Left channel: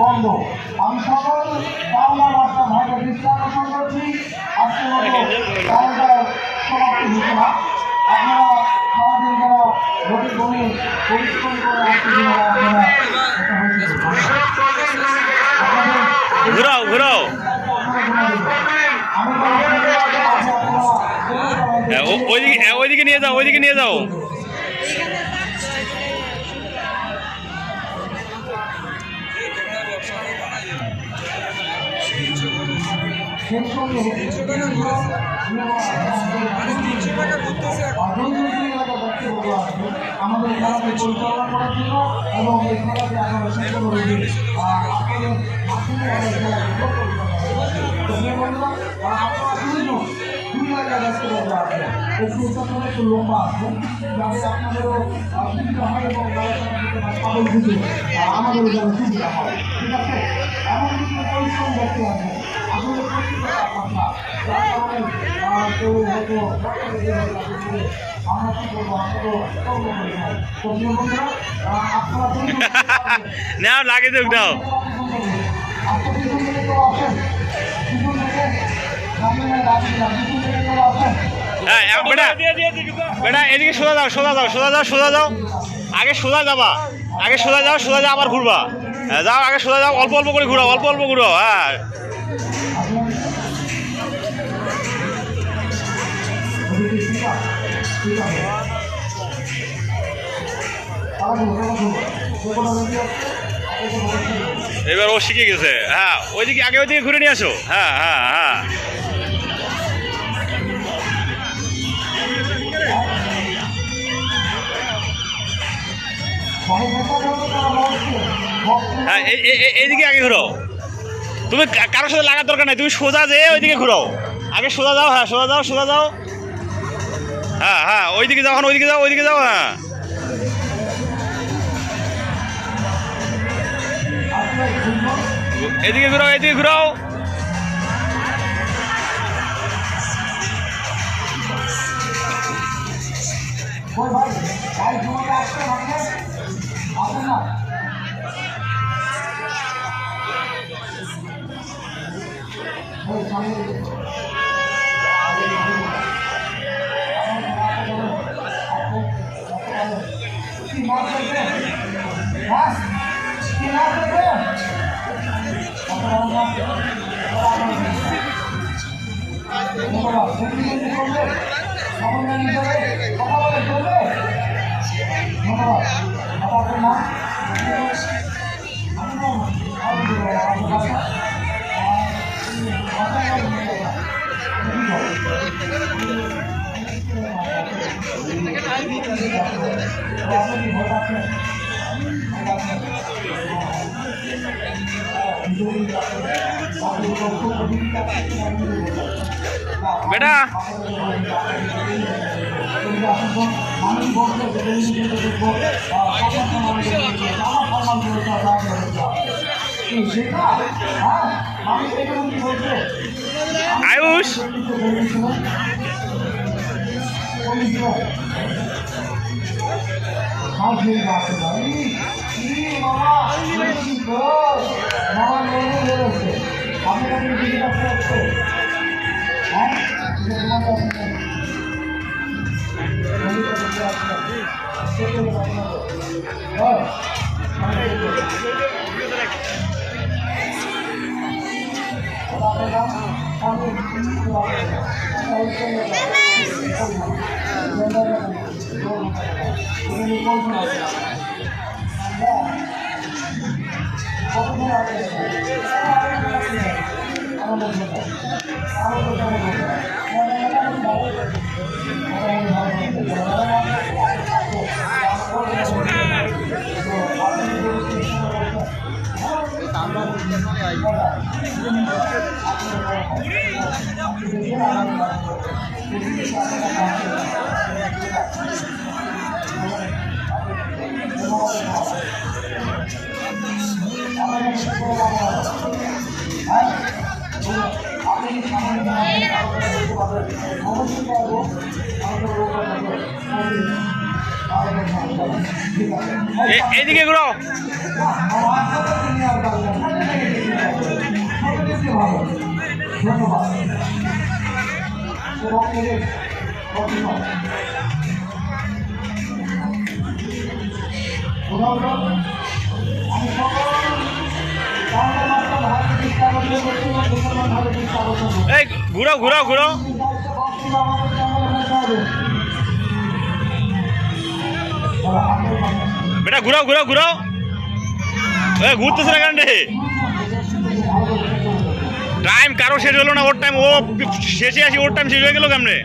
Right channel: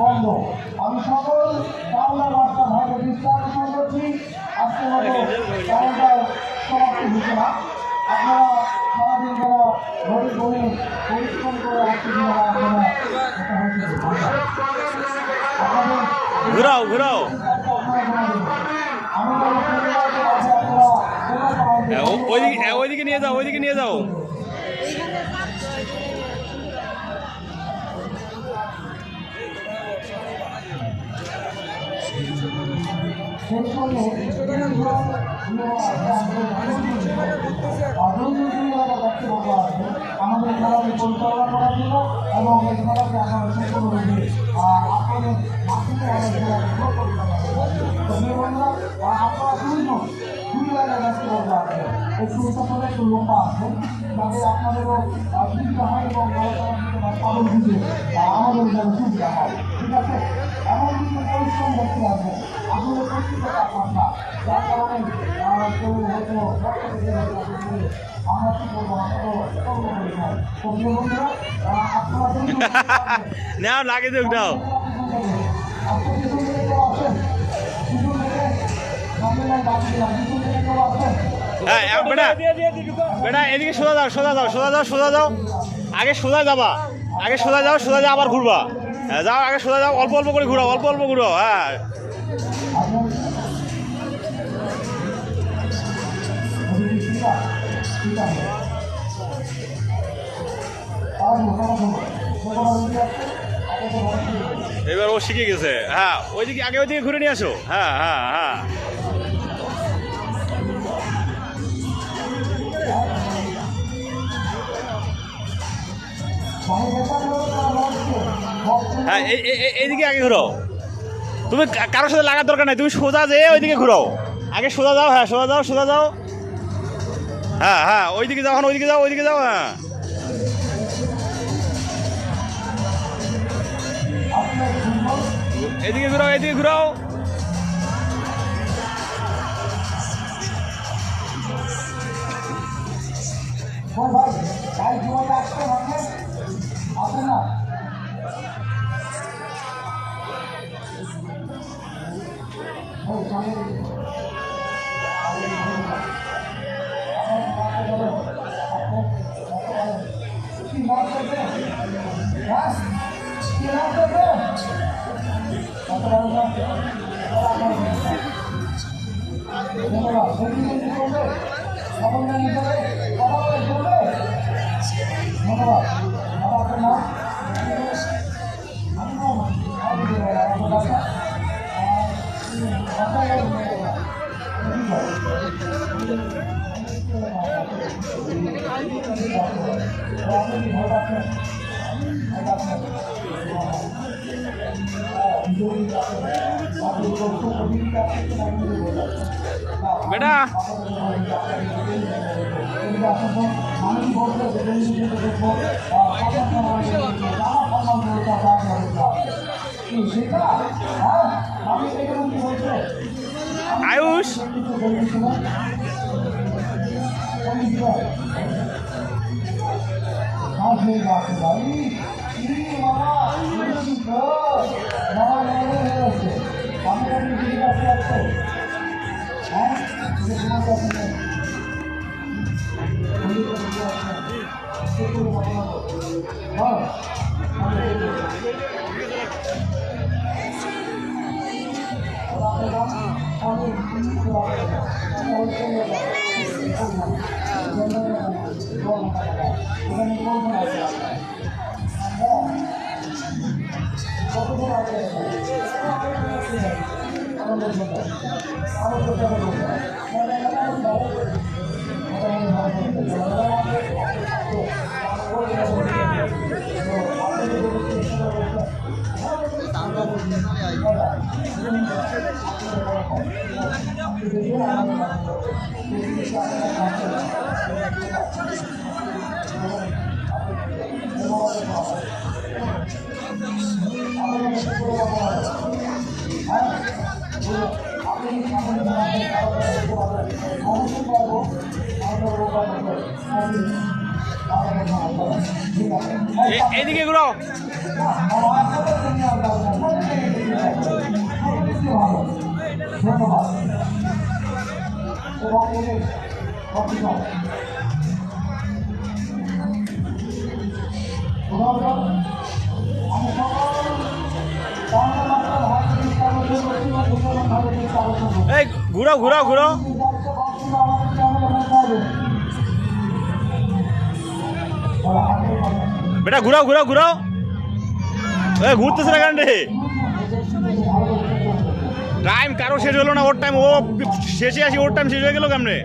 বন্ধ। আমি সকল বাংলা ভাষা ভাইকে দৃষ্টান্তর করছি, আজকের মতো কাউন্টার সমাপ্তি হচ্ছে না। আপনারা সারাদিন যারা গরিব বনে পরিশ্রম করে আসতে ঘুরাও ঘুরাও ওইদিকে নিয়ে যাও, ওইদিকে নিয়ে যাও। আমাদের খেলাকে পরিচালনা করার জন্য এবং এই খেলাকে আমরা শেষ করে একটু লম্বা আছে যাতে আপনাদেরও সুবিধা হয় এবং পাগল বুঝে আমাদের যেন সুবিধা হয়। ঠিক আছে, এমন কিছু পরিশ্রম করতে হবে আসলে আপনার যার কারণে কেউ হয়তো আমরা কি করবো নাও লাগে দেখ নাও। হ্যাঁ বেটা বেটা এদিকে সোজা যাও, সোজা যাও, সোজা যাও, সোজা যাও। আগে সোজা যাবা, আগে সোজা যাও, সোজা যাও আবার ঘুরবা। হ্যাঁ যাও, আগে সোজা যাও, অল্প অল্প করে ঘুরাও, অল্প অল্প ঘুরাও। হ্যাঁ এবার ও শিখে গেছে। হ্যাঁ ওইদিকে আগে ওইদিকে ঘুরে নিয়ে আসো। হ্যাঁ হ্যাঁ হ্যাঁ হ্যাঁ এইদিকে আগে ঘুরাও। তুমি কারোর সাথে লাগার দরকার নাই, তুমি সোজা যেয়ে ওইদিকে ঘুরাও। আগে সোজা যাও, হ্যাঁ সোজা যাও, সোজা যাও। হ্যাঁ হ্যাঁ ওইদিকে যাও, ওইদিকে যাও, ওইদিকে যাও। হ্যাঁ এদিকে ঘুরাও, এদিকে ঘুরাও। বেটা আয়ুষ এইদিকে ঘুরাও। ধন্যবাদ এবং এদের অভিনয় এই ঘুরাও ঘুরাও ঘুরাও। বেটা ঘুরাও ঘুরাও ঘুরাও। এ ঘুরতেছে না কেন রে? টাইম কারো শেষ হলো না, ওর টাইম ও শেষে আসি, ওর টাইম শেষ হয়ে গেল কেমনে?